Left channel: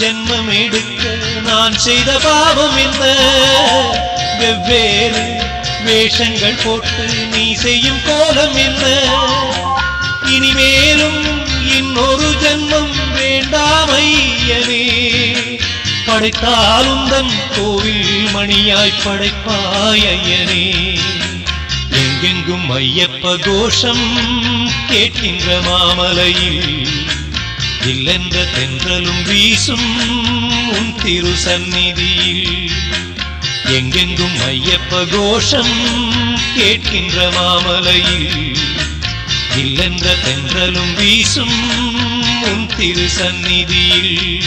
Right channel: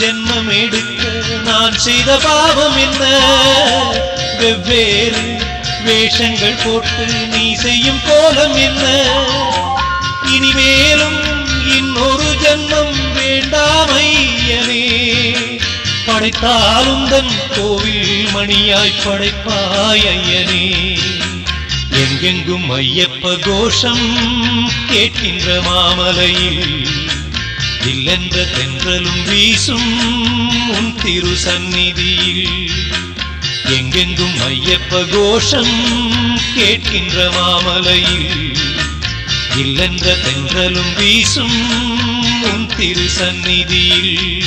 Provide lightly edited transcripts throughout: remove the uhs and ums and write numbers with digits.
ஜென்மம் எடுக்க நான் செய்த பாவம் என்ன? வெவ்வேறு வேஷங்கள் போட்டு நீ செய்யும் கோலம் என்ன? இனிமேலும் இன்னொரு ஜென்மம் வேண்டாம் ஐயனே. படைத்தாலுந்தன் கோவில் மணியாய் படைப்பாய் ஐயனே. எங்கெங்கும் ஐயப்ப கோஷம் கேட்கின்ற மாமலையில் இல்லென்ற தென்றலும் வீசும் உன் திரு சந்நிதியில். எங்கெங்கும் ஐயப்ப கோஷம் கேட்கின்ற மாமலையில் இல்லென்ற தென்றலும் வீசும் உன் திரு சந்நிதியில்.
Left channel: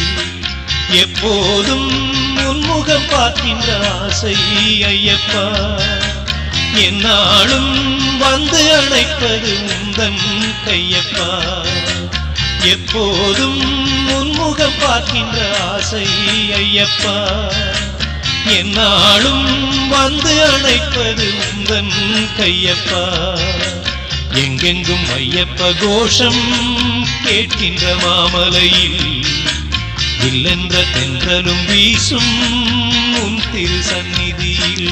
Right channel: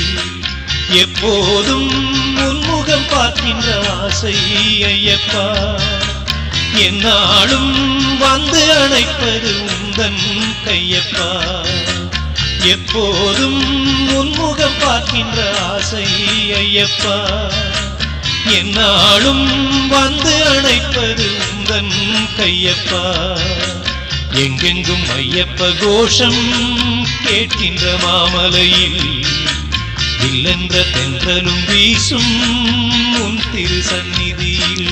எப்போதும் உன்முகம் பார்க்கின்ற ஆசை ஐயப்பா. என்னாலும் வந்து அணைப்பது உந்தன் கையப்பா. எப்போதும் உன்முகம் பார்க்கின்ற ஆசை ஐயப்பா. என்னாலும் வந்து அணைப்பது உந்தன் கையப்பா. எங்கெங்கும் ஐயப்ப கோஷம் கேட்கின்ற மாமலையில் இல்லென்ற தென்றலும் வீசும் உன் திரு சந்நிதியில்.